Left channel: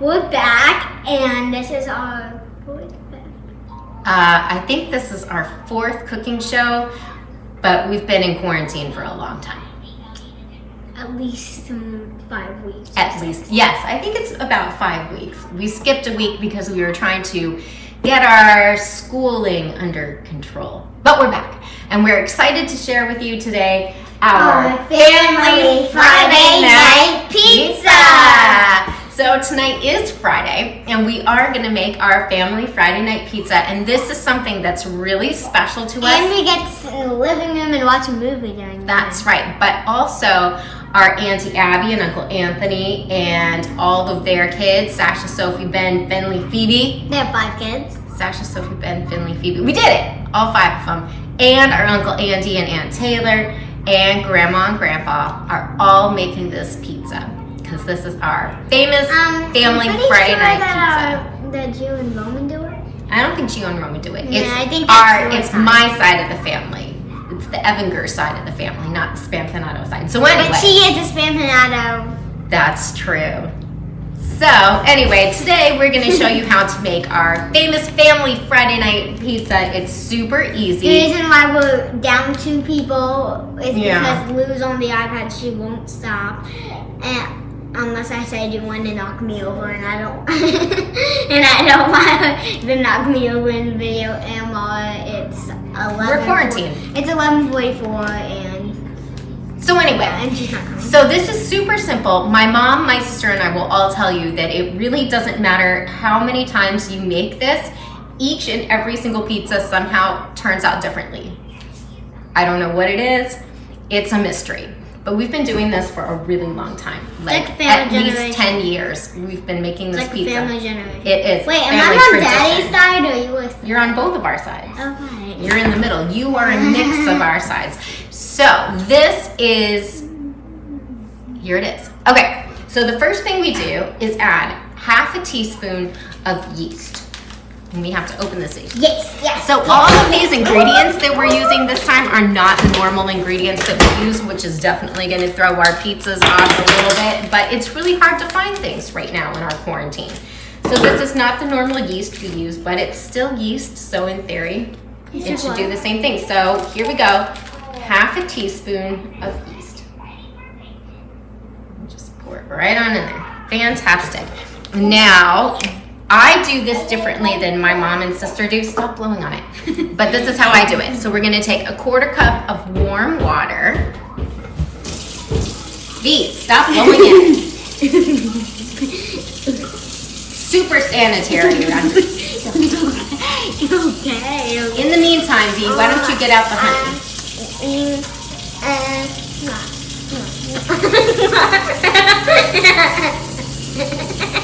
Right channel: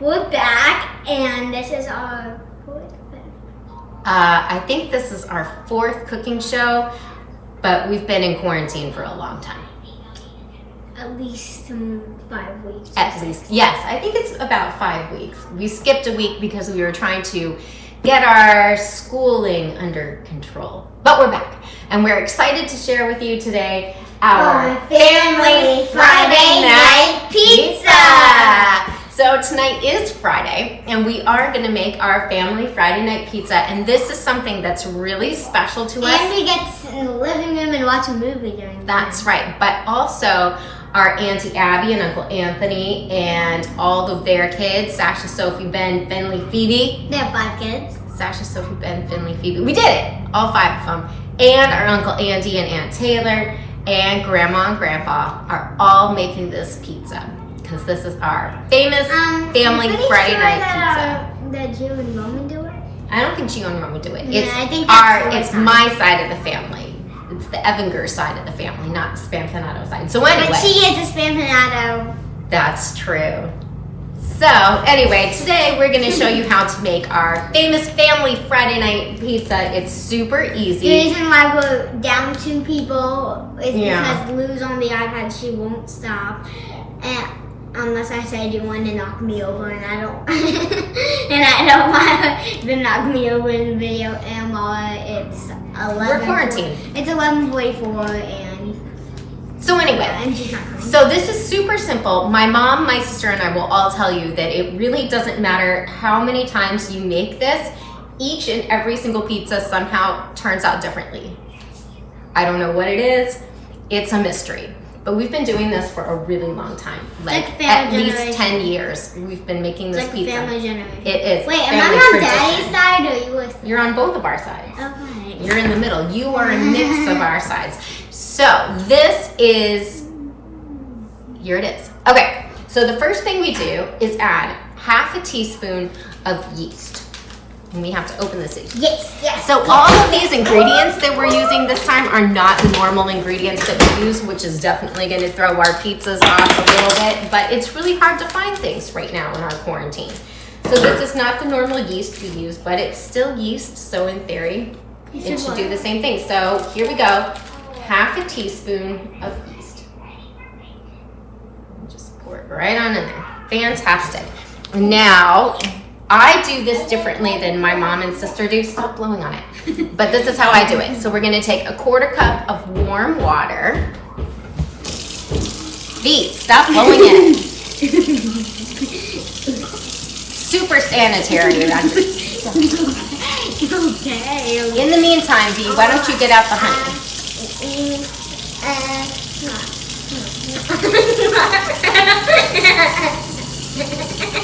we're back, and this is our fourth. I think this is our fourth cooking show, but we've been in quarantine for a long time. At least 5 weeks. At least, yes. I think it's about 5 weeks. We skipped a week because we were trying to get our schooling under control. But we're back, and we're excited to share with you today our Family Friday Night Pizza! So tonight is Friday, and we are going to make our Family Friday Night Pizza, and this is something that's really special to us. And we get to sit in the living room and watch a movie during That's right, but also our Auntie Abby and Uncle Anthony and all of their kids, Sasha, Sophie, Ben, Finley, Phoebe. They have 5 kids. Sasha, Sophie, Ben, Finley, Phoebe. We did it, all 5 of them. And our Uncle Andy and Aunt Taylor and Grandma and Grandpa are all making this pizza because this is our famous Family Friday Night Pizza. That Gio and Roman do it? I don't think Gio and Roman do it. Yeah, I think that's it's my side of the family. It's the Evinger side of the family, not the Spampanato side. So anyway. But she is a Spampanato. That's true. So anyway, today we're going to show you how to make our famous Family Friday Night Pizza. It's super easy. The reason why we're down 2 people is because Lou's on the iPad. She won't stop. And unless I say, do you want to knock me over? And I don't and I don't want to knock me over in the video. And it's 11. We're quarantined. It's 11:44 and so anyway, and she's not coming. So this is super simple. My mom, my sister, and I will all tell you that it really doesn't matter how many times you make this. Each and every single pizza somehow turns out differently. I don't know what it is. It's a mystery. But we've been doing this for a really long time. Like at least 10 years we've been making this pizza. Family generation. It is. Wait, family am I on tradition. Daddy's side or yours? You're on both of our sides. Okay. You're in the middle. You are a mix of our sides. So this is, here it is. Okay, so the first thing we do is add half a teaspoon of yeast. And we have to open this yeast. Yes. So all of these ingredients that we're using this time are not the normal ingredients that we use, which is definitely going to throw our pizzas off a little bit, but it's really hard to find things right now in our quarantine. So this is not the normal yeast we use, but it's still yeast, so in theory, it should do the same thing. So here we go, half a teaspoon of yeast. Just pour it right on in there. Fantastic. Now, I do this differently than my mom and sister do. Stop blowing on it. But this is how I do it. So we're gonna take a 1/4 cup of warm water. Bee, stop blowing in it. Super sanitary. Okay. In the meantime, Bee, why don't you get out the honey?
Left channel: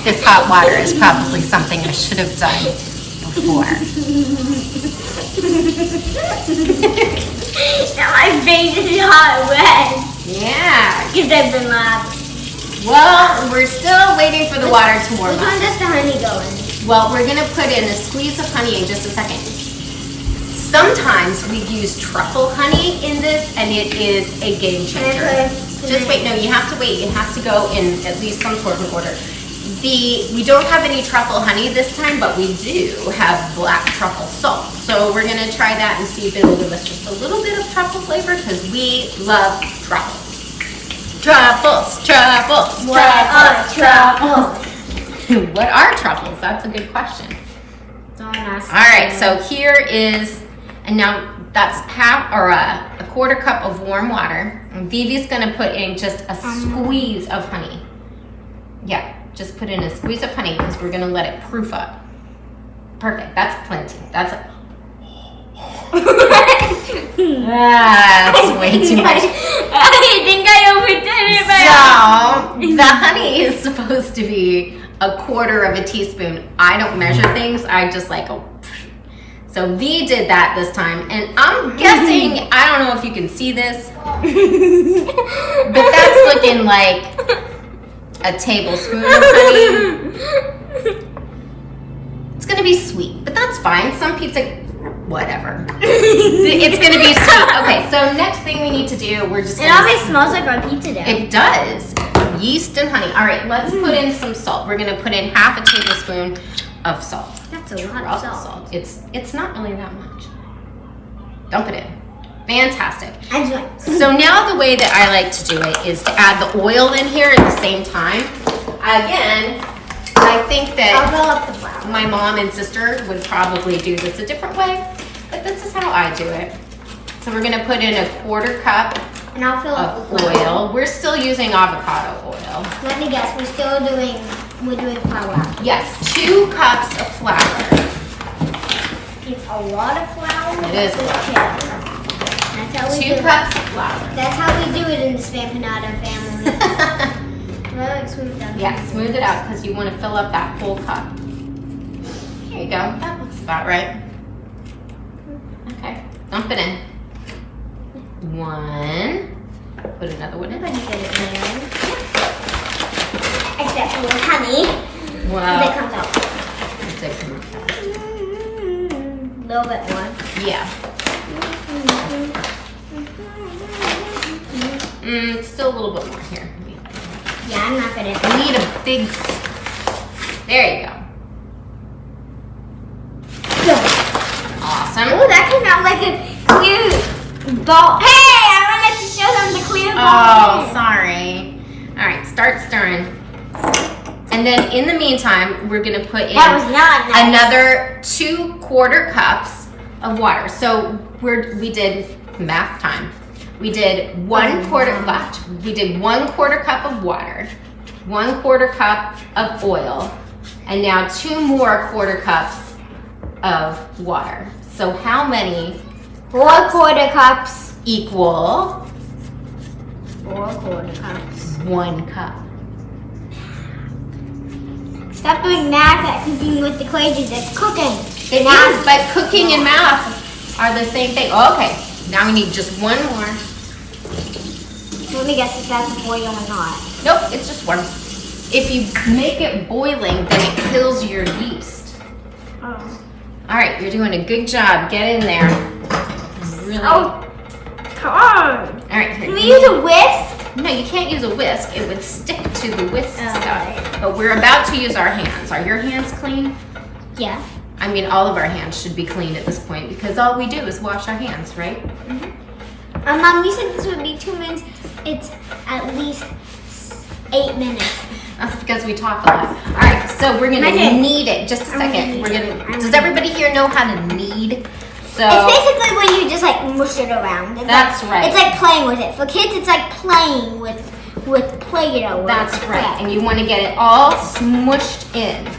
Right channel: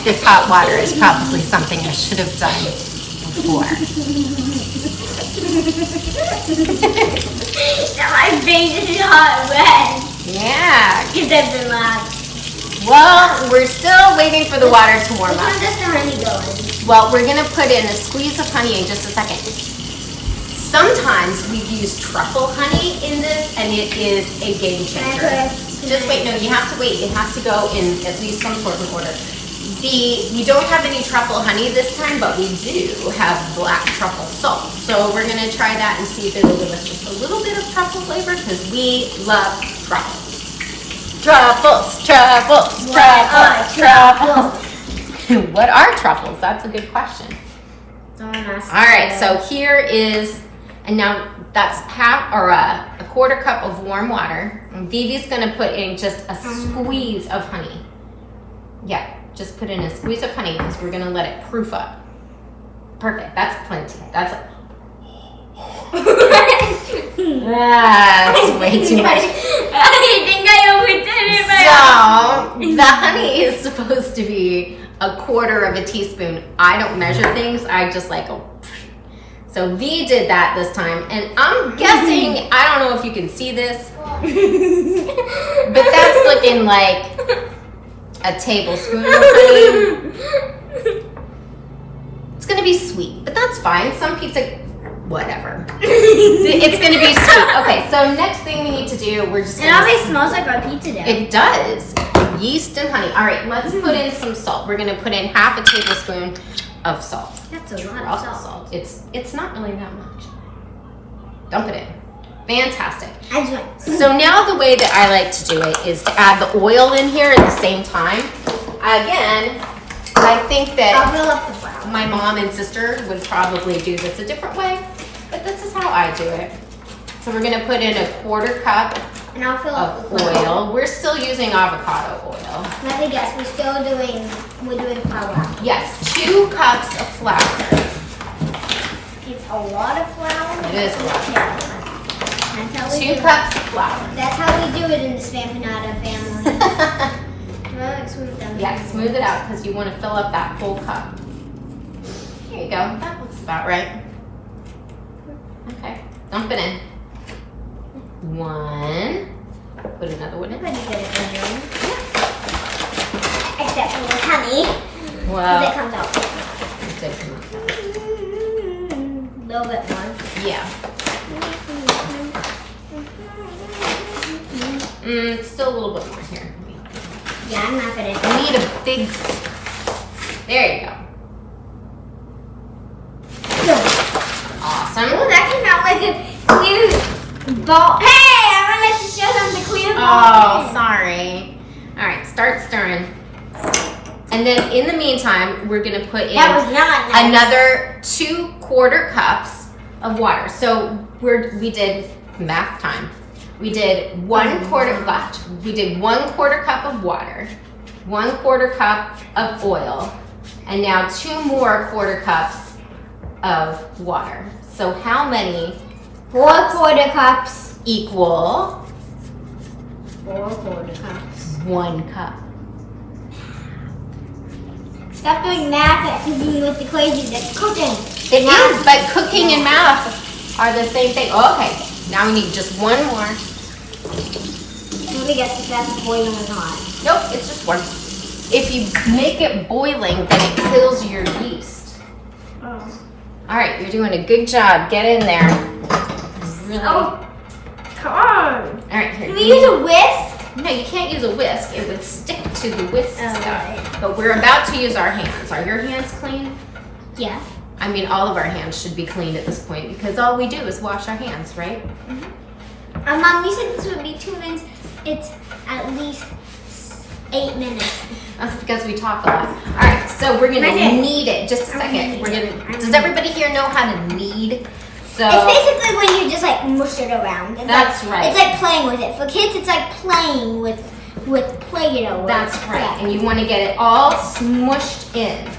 This hot water is probably something I should have done before. Now my face is hot red. Yeah. Because I've been loud. Well, we're still waiting for the water to warm Which one up. does the honey go in? Well, we're gonna put in a squeeze of honey in just a second. Sometimes we use truffle honey in this, and it is a game changer. Just wait, no, you have to wait. It has to go in at least some sort of order. We don't have any truffle honey this time, but we do have black truffle salt. So we're gonna try that and see if it'll give us just a little bit of truffle flavor because we love truffles. Truffles, truffles, What are truffles? What are truffles? That's a good question. Don't ask. All right, so here is, and now that's half or a 1/4 cup of warm water. And Vivi's gonna put in just a squeeze of honey. Yeah, just put in a squeeze of honey because we're gonna let it proof up. Perfect, that's plenty. That's that's way too much. I think I overdid it. So the honey is supposed to be a 1/4 of a teaspoon. I don't measure things. I just like go. So V did that this time, and I'm guessing, I don't know if you can see this, but that's looking like a tablespoon of honey. It's gonna be sweet, but that's fine. Some pizza whatever. It's gonna be sweet. Okay, so next thing we need to do, we're just It always smells like our pizza dough. It does. Yeast and honey. All right, let's put in some salt. We're gonna put in half a tablespoon of salt. That's a lot of salt. It's not really that much. Dump it in. Fantastic. So now the way that I like to do it is to add the oil in here at the same time. Again, I think I'll that fill up the flour. my mom and sister would probably do this a different way, but this is how I do it. So we're gonna put in a 1/4 cup And I'll fill up of the flour. oil. We're still using avocado oil. Let me guess, we're doing flour. Yes, 2 cups of flour. It's a lot of flour. It is a lot of flour. That's how we 2 do it. cups of flour. That's how we do it in the Spampanada family. Really smooth down. Yeah, smooth it out because you want to fill up that whole cup. There you go. That looks about right. Okay, dump it in. 1. Put another one in. Except for the honey. Well, Because it comes out. it did come out fast. A little bit more. Yeah. Still a little bit more here. Yeah, I'm not gonna. We need a big. There you go. Awesome. Oh, that came out like a clear ball. Hey, I wanted to show them the clear ball. Oh, sorry. All right, start stirring. And then in the meantime, we're gonna put in That was not nice. another 2/4 cups of water. So we did math time. We did 1/4 left. We did 1/4 cup of water, 1/4 cup of oil, and now 2 more 1/4 cups of water. So how many 4/4 cups. equal 4/4 cups. 1 cup? Stop doing math at cooking with the Crazies. It's cooking. It is, but cooking and math are the same thing. Okay, now we need just 1 more. Let me guess if that's boiling or not. Nope, it's just 1. If you make it boiling, then it kills your yeast. Oh. All right, you're doing a good job. Get in there. Really. Oh, come on. All right, here. Can we use a whisk? No, you can't use a whisk. It would stick to the whisk Okay. stuff. But we're about to use our hands. Are your hands clean? Yeah. I mean, all of our hands should be clean at this point because all we do is wash our hands, right? Mom, you said this would be 2 minutes. It's at least 8 minutes. That's because we talk a lot. All right, so we're gonna Okay. knead it. Just a second. We're gonna. Does everybody here know how to knead? So It's basically when you just like mush it around. It's That's right. It's like playing with it. For kids, it's like playing with Play-Doh. that's right. Yeah. And you want to get it all smushed in.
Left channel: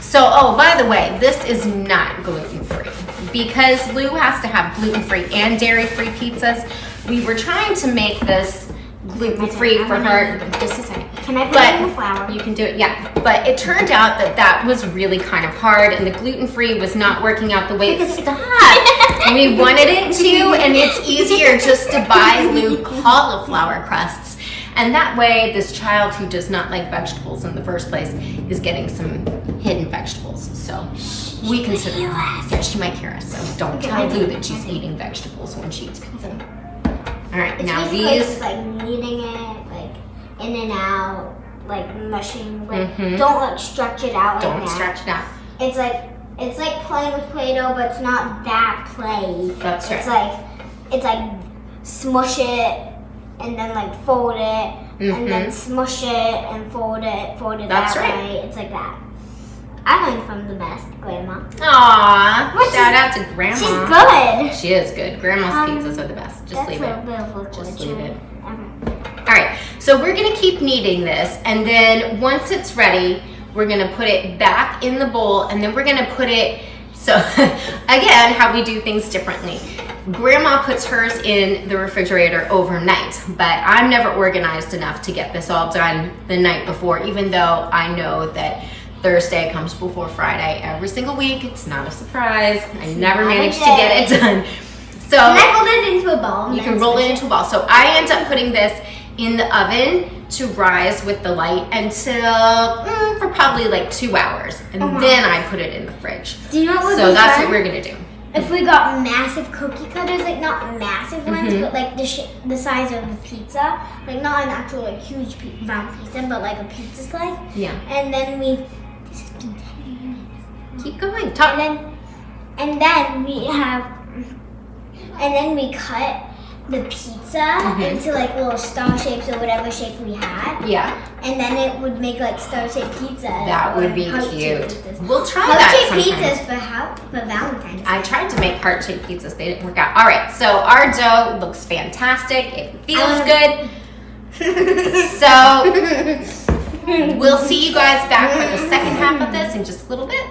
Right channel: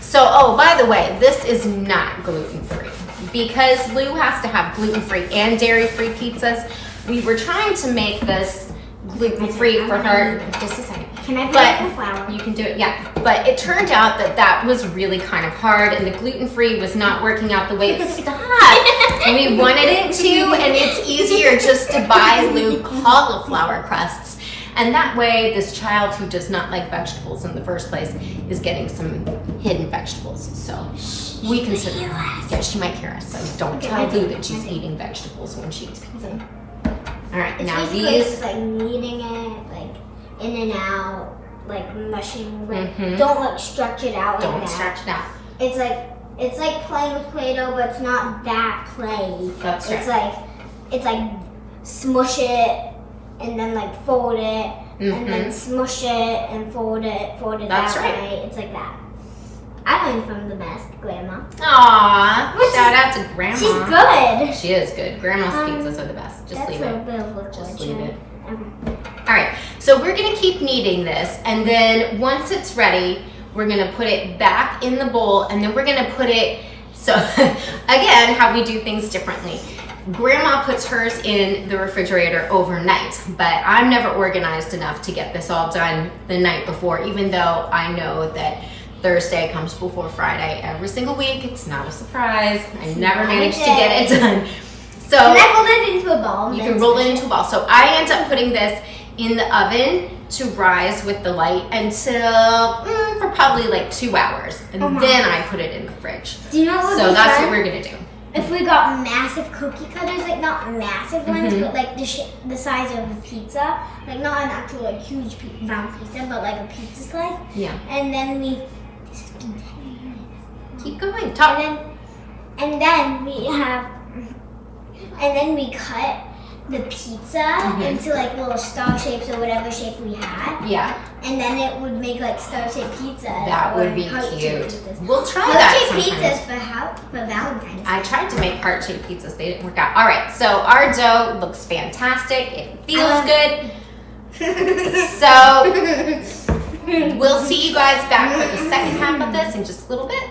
So, oh, by the way, this is not gluten-free because Lou has to have gluten-free and dairy-free pizzas. We were trying to make this gluten-free for her. Just a second. Can I put But in the flour? you can do it, yeah. But it turned out that was really kind of hard and the gluten-free was not working out the way it thought. We wanted it to, and it's easier just to buy Lou cauliflower crusts. And that way, this child who does not like vegetables in the first place is getting some hidden vegetables. So we consider, yeah, she might hear us. So don't tell Lou that she's eating vegetables when she eats pizza. All right, It's now basically these. just like kneading it, like in and out, like mushing. But Mhm. don't like stretch it out. Don't like that. stretch it out. It's like playing with Play-Doh, but it's not that play. That's right. It's like smush it and then like fold it and then smush it and fold it That's that right. way. It's like that. I learned from the best grandma. Aw, What shout out to Grandma. She's good. She is good. Grandma's pizzas are the best. Just That's leave a it. bit of liquid, Just leave it. Okay. All right, so we're gonna keep kneading this, and then once it's ready, we're gonna put it back in the bowl, and then we're gonna put it, so again, how we do things differently. Grandma puts hers in the refrigerator overnight, but I'm never organized enough to get this all done the night before, even though I know that Thursday comes before Friday every single week. It's not a surprise. I never not a managed to get it day. done. So Can I roll it into a ball? you can roll it into a ball. So I end up putting this in the oven to rise with the light until for probably like 2 hours, and Oh my. then I put it in the fridge. Do you know what So we've that's done? what we're gonna do. if we got massive cookie cutters, like not massive ones, Mhm. but like the size of a pizza, like not an actual like huge round pizza, but like a pizza slice. Yeah. And then we Keep going. Talk. and then we cut the pizza into like little star shapes or whatever shape we had. Yeah. And then it would make like star-shaped pizza. That would be heart-shaped cute. pizzas. We'll try that Heart-shaped sometime. pizzas for Valentine's Day. I tried to make heart-shaped pizzas. They didn't work out. All right. So our dough looks fantastic. It feels good. So we'll see you guys back for the second half of this in just a little bit.